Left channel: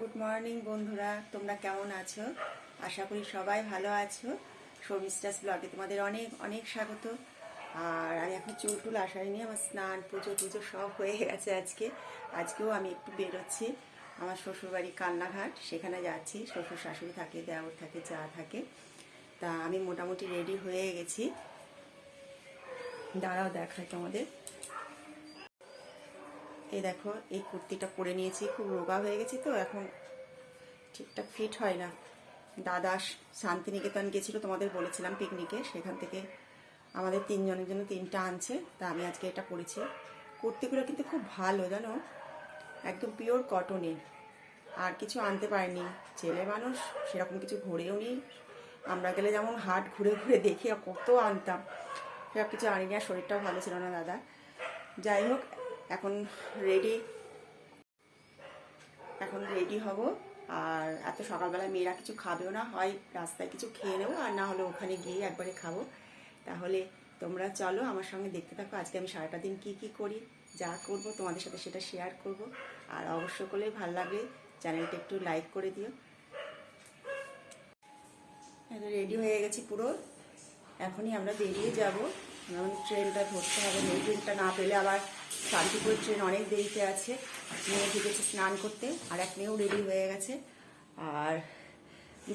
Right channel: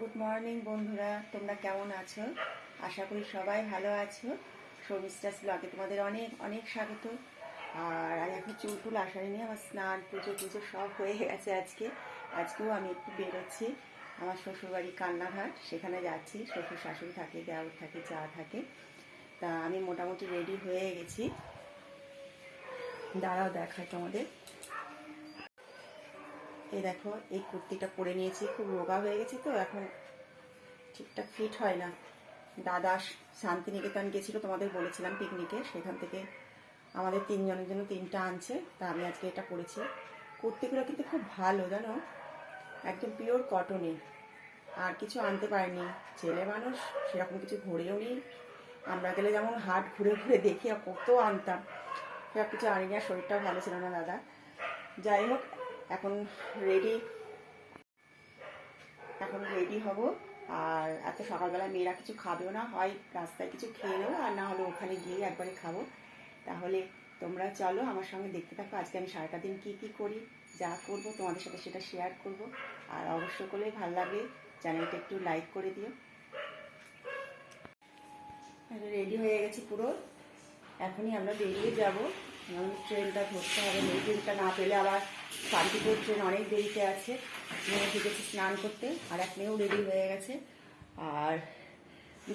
Good morning বন্ধুরা, তোমরা কেমন আছো? আশা করি সবাই ভালো আছো। শর্মিষ্ঠাস ব্লগে তোমাদের অনেক অনেক স্বাগত। আর আমি এখন চুল আসারিনি, আমার স্নান পুজো সব হয়ে গেছে। আজকেও আমি একটু বেরোচ্ছি আমার শ্বশুরবাড়ি কান্নাঘাট, সেখানে যাচ্ছি। শ্বশুর শাশুড়ি থাকে, দেওর থাকে, যা থাকে। তা আমি মোটামুটি রেডি হয়ে গেছি। দাঁড়াও দেখাই তোমাদের। এই দেখো, এই কুর্তিটা পরে নিয়েছি, খুব রোগা হয়ে গেছি তো এখন ঠিকঠাক ফিট হয় না। দাদা শান্তিনিকেতন গেছিল, তোমাদের বলেছিলাম পিকনিকে, সেখান থেকে আমাদের তিনজনের জন্য তিনটা আনছে। তা আমি আজকে এটা পরেছি। কুর্তিগুলো কিন্তু খুব ভালো, জানো, একদম পিওর কটনের। আর কিছু আনতে পারিনি, ছেলে মানুষ সেরকম কিছু ঘুরেও নি। আমরা গেলে যেমন হাট ঘুরে ঘুরে দেখি কত আনতাম, সেসব কিছু আনিনি। আর শরীরটাও ভালো ছিল না দাদা। যাই হোক, এখন রেডি হব। আর এত সকালবেলায় মেয়েরা কিছু খাবেও না, হয় রাস্তায় কিছু খেয়ে নেবো, আর না হলে ওখানে গিয়ে একবারে খাবো। তাহলে তোমরা চলো আমার সঙ্গে দেখতে থাকো। আজকে আমি সারাটা দিন কি করি, যা করব তোমাদের সাথে সেটা শেয়ার করব। আর অবশ্য করলে ভালো লাগলে চ্যানেলটা একটু লাইক করে দিও। রেডি হয়ে গেছি পুরো, এখনই আমরা বেরিয়ে যাব। আমাদের ট্রেনটা ধরতে হবে, এই ট্রেনটা না পেলে আবার শান্তিপুর ট্রেন অনেক দেরিতে আছে। মেয়ে ঢুকেছে স্নান করতে, আর এক মেয়েও রেডি হয়ে গেছে। আর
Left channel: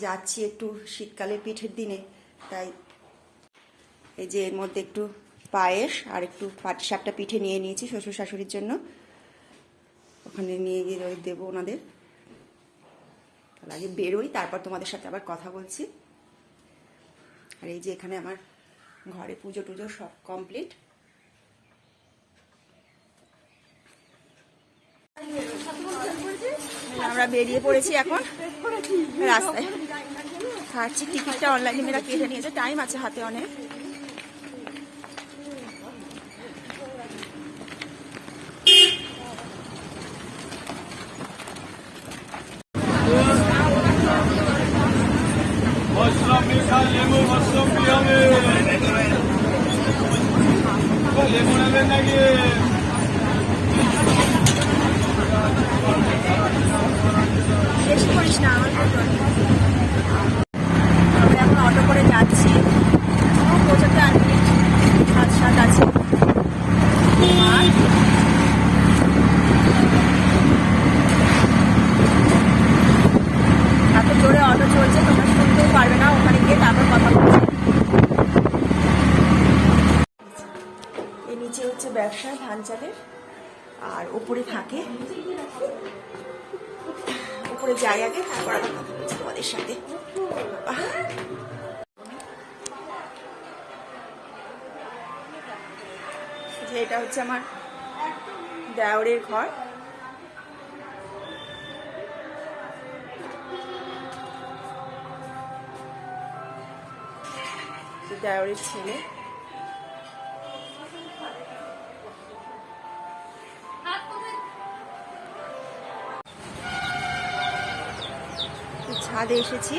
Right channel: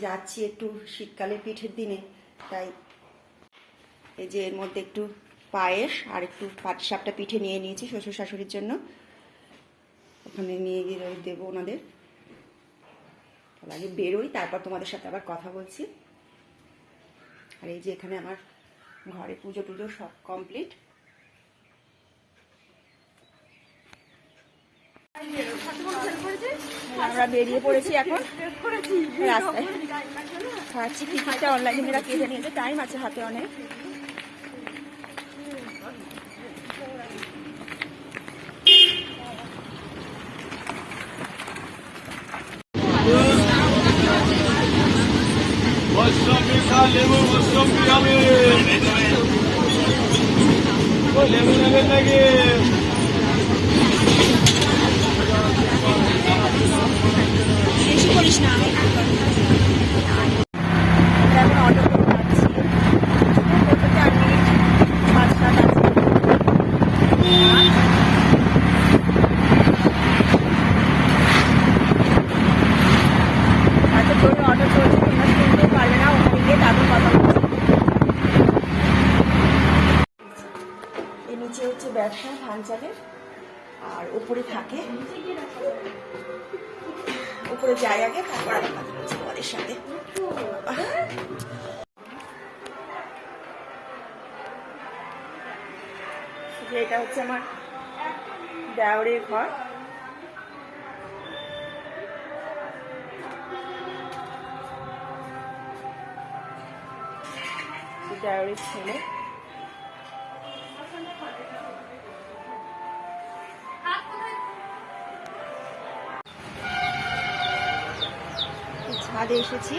যাচ্ছি একটু শীতকালে পিঠের দিনে, তাই এই যে এর মধ্যে একটু পায়েস আর একটু পাটিসাপটা পিঠে নিয়ে নিয়েছি শ্বশুর শাশুড়ির জন্য। ওখানে নিয়ে গিয়ে দেবো ওনাদের। তাহলে আগে বেরোই, তারপর তোমাদের সাথে আবার কথা বলছি। আর এই যে এখানে আমার ঘরে পুজো টুজো সব কমপ্লিট। আমরা বেরিয়ে পড়েছি এখন রাস্তায়। খাচ্ছি, টিকিটটা অনলাইনে মেয়েরা কেটে নিয়েছে, টাইম আছে হাতে অনেক। লেবু নেবেন নাকি? আমরা এখন অটো করে যাচ্ছি, পৌঁছতে 8 মিনিট 5-7 আছে। এত জোরে অটো চলছে, তোমরা শুনতেও পারবে না। ওখানে গিয়ে তারপর কথা বলছি। এর নিচে হচ্ছে ব্যবসা ধান চালের, আর উপরে থাকে, উপরে যাই আগে, তারপর আবার কথা বলছি তোমাদের সাথে। যে এটা হচ্ছে আমার দেওরের ঘর। দেওরের ছেলে। ছাদে এসেছি।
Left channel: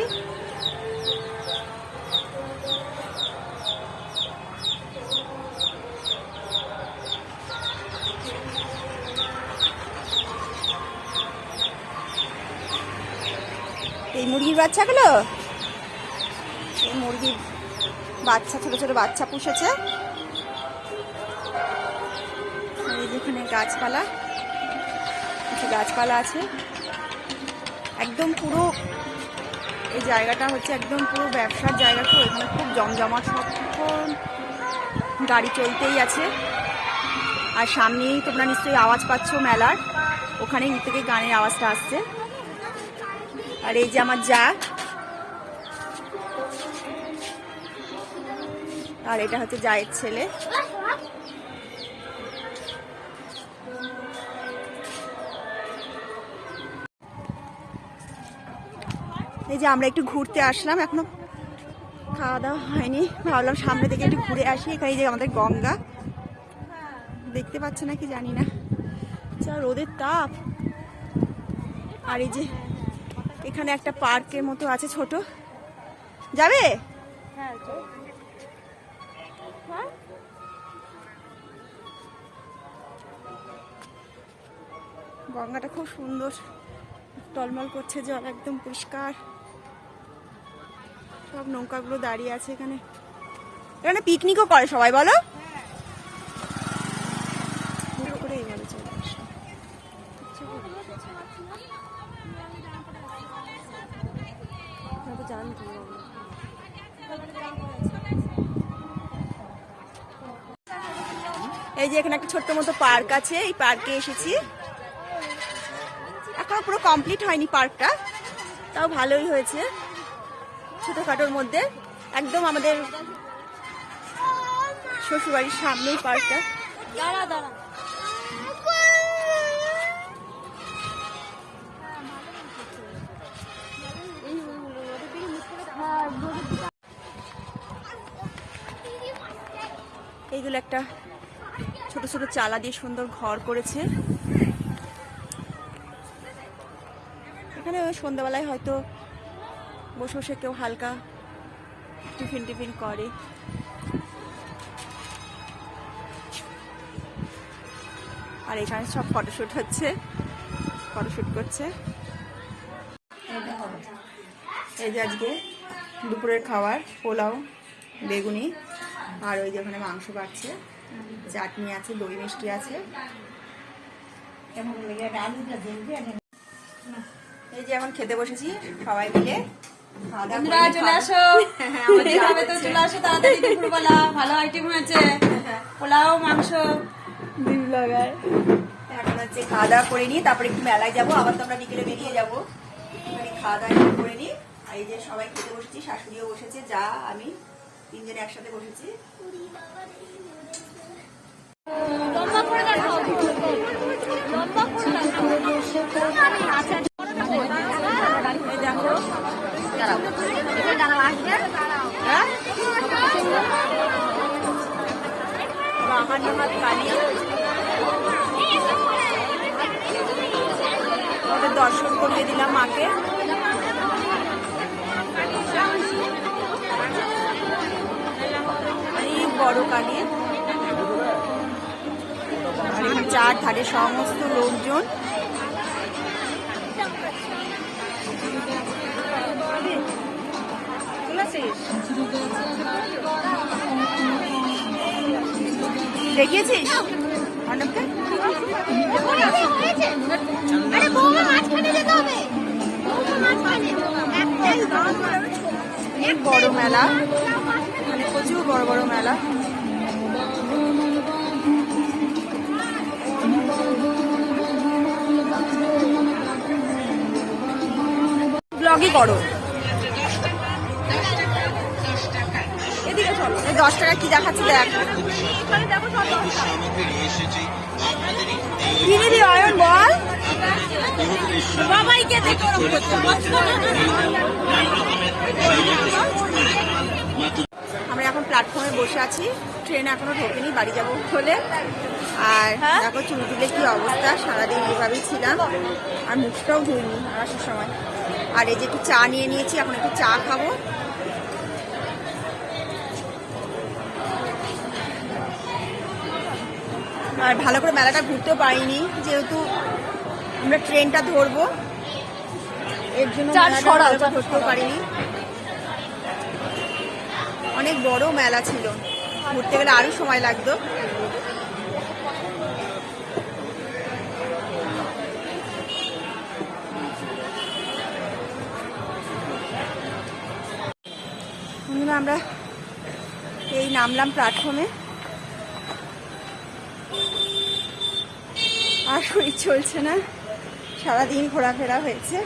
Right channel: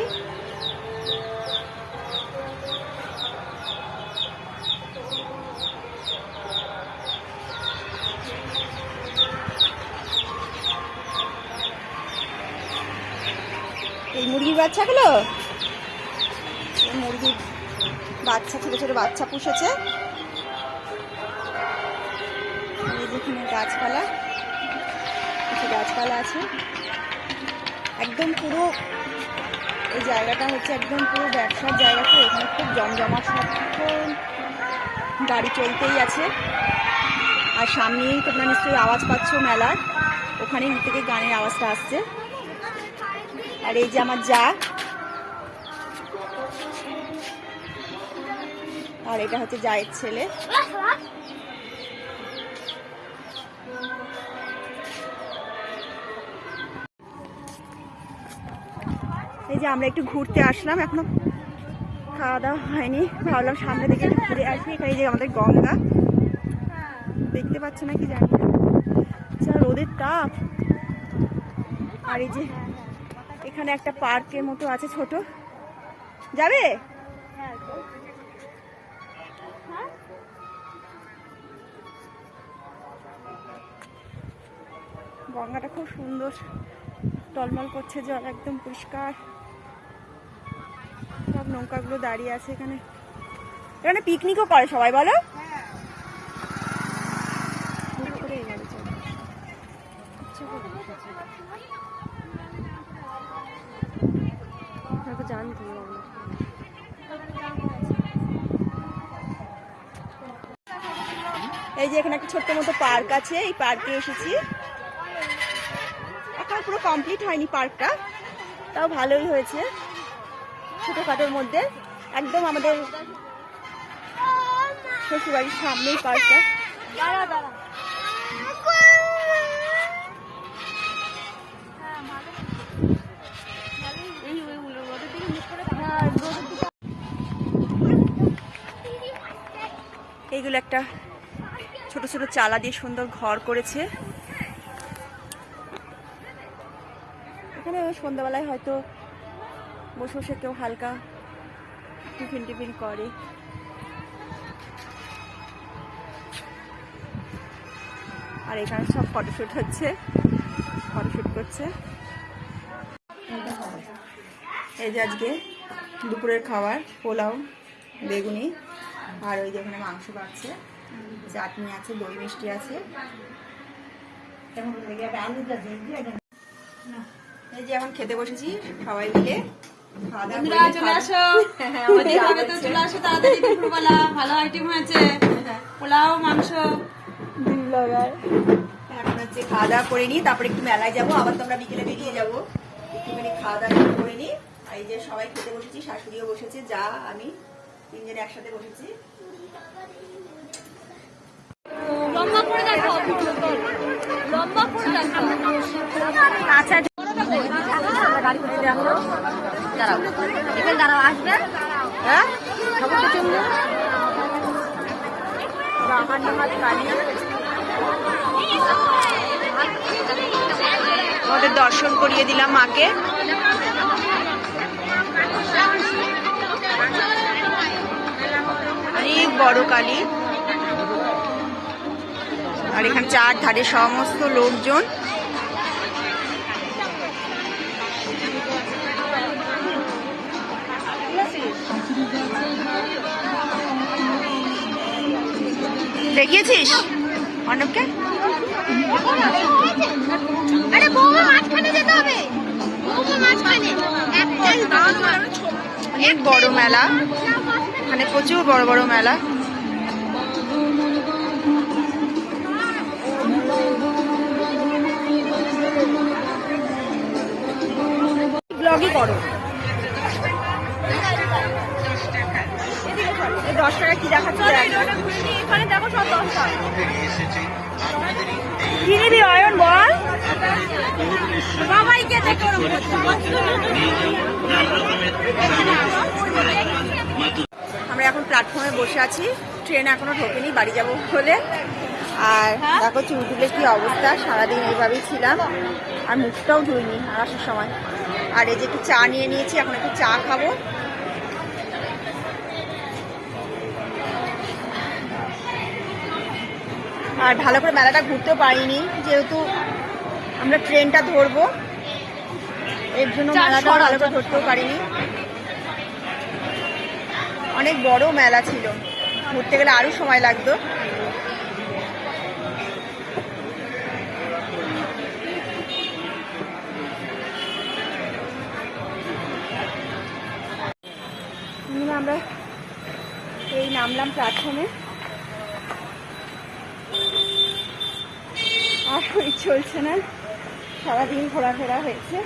এই মুরগির বাচ্চাগুলো, এই মুরগির বাচ্চা, ছোট ছোট বাচ্চা পুষেছে। এই যেখানে গাছপালা, কিছু গাছপালা আছে। একদম পুরো এই জায়গাটা হচ্ছে একদম পুরো ব্যবসার জায়গা। তো এখানে খুব জমজমাট, সবক্ষণ গাড়ি চলতেই আছে। আর সামনেই তোমরা নিশ্চয়ই আওয়াজ পাচ্ছ মেলার, ওখানে থেকে গানের আওয়াজটা আসছে। আর এই যে আমার যা, আর এটা হচ্ছে জায়ের ছেলে। এই যে আমরা একটু ঘুরতে আসলাম, এখনো খাওয়া দাওয়া হয়নি, ভাবলাম সামনে থেকে একটু ঘুরে আসি। এই যে আমাদের গঙ্গা, দেখতে পাচ্ছে নাকি জানি না, যা রোদের তাপ। আর এই যে এখানে একটা পার্কের মতো আছে ছোট, যাবে? গঙ্গাটা খুব সুন্দর, টলমল করছে জল, একদম পরিষ্কার। সব নৌকাগুলো দাঁড়িয়ে আছে এখানে। এখানে পিকনিকও করে সবাই, বলো? করে এইভাবে চলে এই যে এখানে একটা ছোট্ট মতো পার্ক আছে, এই পার্কে এসেছি। এখন পুরো কমপ্লিট হয়নি পার্কটা, তাও ভালোই হয়েছে, ছোটখাটোর মধ্যে। একদম আমাদের শ্বশুরবাড়ির সামনেই পার্কটা। এইগুলো একটা ছোট ছোট চালা দিয়ে সুন্দর ঘর করেছে। এখানে সন্ধ্যাবেলায় হয়তো বসে বসে কেউ হালকা টিফিন টিফিন করে। আর এখানে সব ফটোশুট হচ্ছে, ফটোশুট করছে। এই যে আজকে দুপুরের খাবার পোলাও, বেগুনি, আর ওই যে ওখানে মাংস পাচ্ছে, চাটনি আছে, দই মিষ্টি আছে। এই যে এখন খেতে বসেছি সবাই মিলে। চলে আসো, চলে আসো তাড়াতাড়ি। দুপুরবেলা ভালো আইটেম হয়েছে, পোলাও, মাংস। এখন হচ্ছে খাওয়া দাওয়া করে নিই, তারপরে একটু মেলায় যাবো, আবার তো আমরা বিকেলে বেরিয়ে যাবো। একটুখানি খাওয়া দাওয়া করে নিই। আর এই যে সবাই খেতে বসেছি, শাশুড়িও বসেছে, যা আমি তিনজনে একসাথে বসেছি। এই দেখো বাহান্নহাত কালী, ওদের দর্শন করিয়ে দিলাম মাকে। অনেক বড় কালী। আর এখানে চার ধারে সমস্ত লোকজন। দেখিয়েছিস অর্ণবকে? আরে বৌমা মাঝখানে যেতে হবে, বৌমা মাঝখানে। অনেক বড় মেলা, মানে প্রচুর বড় বড় মেলা। ব্লগই করো। 10 টাকা কি দেখাচ্ছে দেখ। কি নিবি অয়ন বল? আমরা এখন প্ল্যাটফর্মে বসে আছি, ট্রেন এখনো ঢোকেনি, বাড়ি যাবো বলে। আর দেখো চুল তুলে কি অবস্থা, সারাদিন এইভাবেই ছিলাম, আর মুখটাও ধুইনি আসার সময়। আর এই যে একটু চা নিয়ে নিয়েছি, এখন একটু চা খাবো। আর ভালো করে মেলাটা ঘুরতেও পারিনি, যেহেতু আমরা ট্রেনটা ধরবো, এর জন্য মেলাটা ভালো করে ধরতেও পারিনি। অনেক বড় মেলা ছিল, ঘুরতে গেলে আরো সময় লাগতো। আমরা এই নামলাম প্ল্যাটফর্মে, আর শরীর চলছে না, সারাদিন ঘোরাফেরা হয়েছে।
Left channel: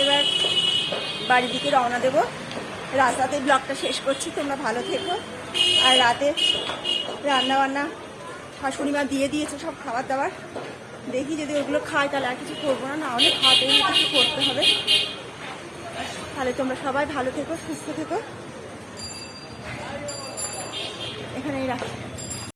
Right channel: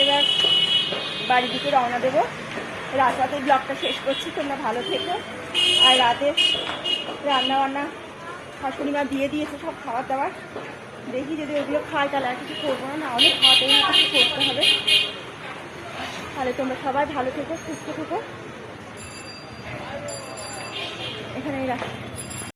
এবার বাড়ির দিকে রওনা দেবো। রাতে ব্লগটা শেষ করছি, তোমরা ভালো থেকো। আর রাতে রান্না বান্না শাশুড়ি মা দিয়ে দিয়েছে সব খাবার দাবার, দেখি যদি ওগুলো খাই তাহলে আর কিছু করবো না, নাহলে খাওয়াতেই না কিছু করতে হবে। তাহলে তোমরা সবাই ভালো থেকো, সুস্থ থেকো। এখানেই রাখি।